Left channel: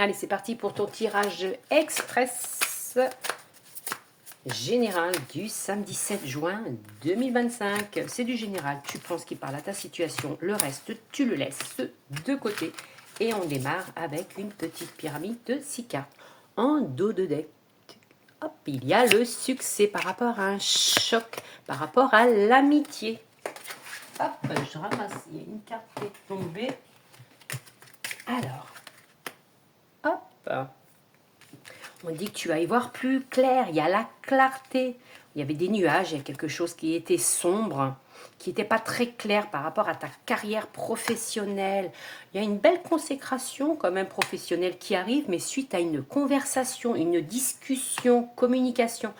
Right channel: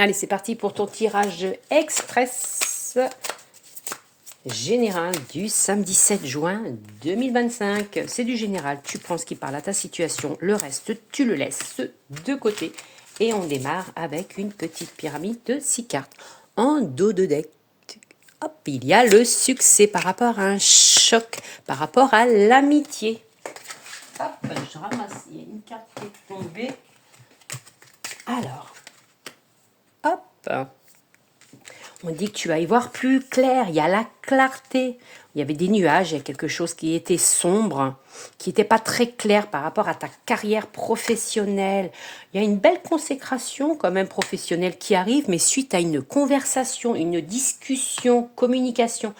Allez, c'est parti pour ton tirage express général du samedi 7 juin 2025. C'est du général, tu prends ce qui parle à ta situation, le reste, tu le laisses de côté. Et on démarre avec une petite pyramide de 6 cartes en dos de deck. Hop, il y a le succès par rapport à un choc, par rapport à l'amitié. Hop, je ramasse, il y a une carte qui est tombée. Alors, hop, on dit que tu vas y voir plus clair, il y a la clarté. Il y avait des nuages, il y a quelque chose qui était sombre, qui n'était pas très clair par rapport à ta carrière professionnelle. Il y a une belle consécration quand même professionnelle qui arrive, mais suite à une conversation, une discussion, communication.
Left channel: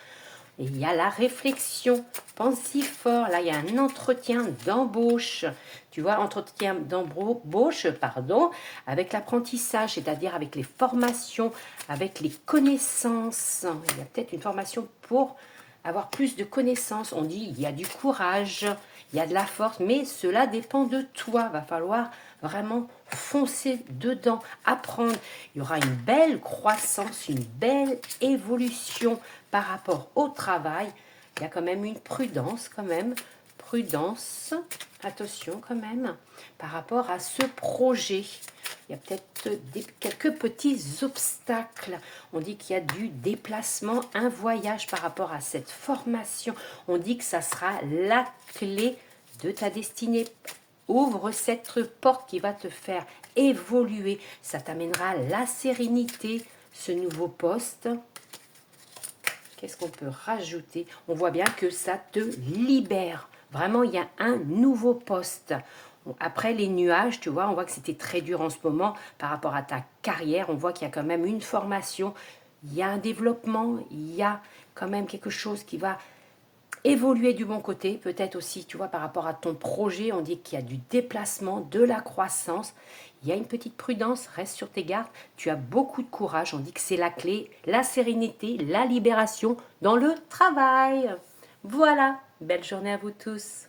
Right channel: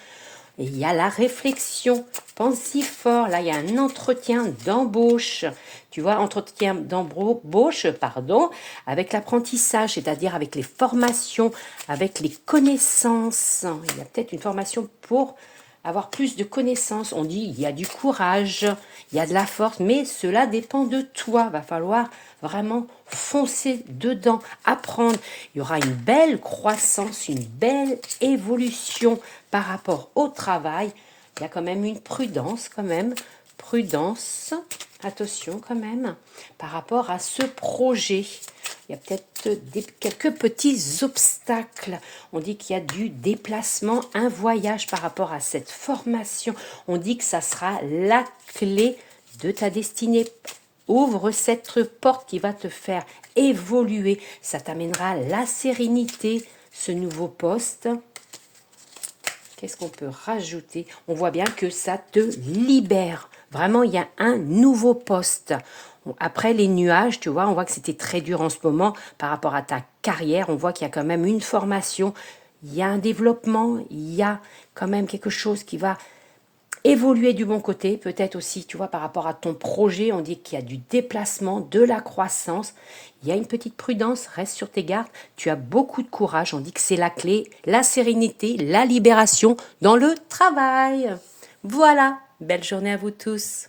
Et il y a la réflexion, pense-y fort, là il y a un entretien d'embauche, tu vois, entretien d'embauche, pardon, avec l'apprentissage, c'est-à-dire avec les formations, avec les connaissances. Il y a peut-être une formation pour avoir plus de connaissances. On dit il y a du courage, il y a de la force, mais cela dépend de toi. Va falloir vraiment foncer dedans, apprendre. Il y aura une belle croissance, une belle évolution par rapport au travail. Il y a quand même une prudence, prudence, attention quand même, par rapport à ce projet. Il y a peut-être quelques petits obstacles. On dit qu'il y a du déplacement, un voyage par rapport à cette formation. On dit que ça sera la clé de ta destinée. Ouvre cette porte qui va te faire évoluer. Ça t'amènera la sérénité, ce nouveau poste. Qu'est-ce qu'on peut rajouter? On voit bien que ça te libère. Vraiment, il y a un nouveau poste. Après les nuages, tu vois, on voit que c'était très dur en ce moment par rapport à ta carrière. On voit qu'il y a quand même une formation, il y a un développement, il y a quand même quelque chose qui va évoluer du bon côté. Peut-être aussi, tu vois, par rapport à ton projet, on dit qu'il y a du déplacement, de la croissance. Il y a une petite prudence, reste sur tes gardes. Tu as beaucoup de courage, on dit que c'est la clé, la sérénité, la libération dans le travail. Voilà, belle journée à vous tous.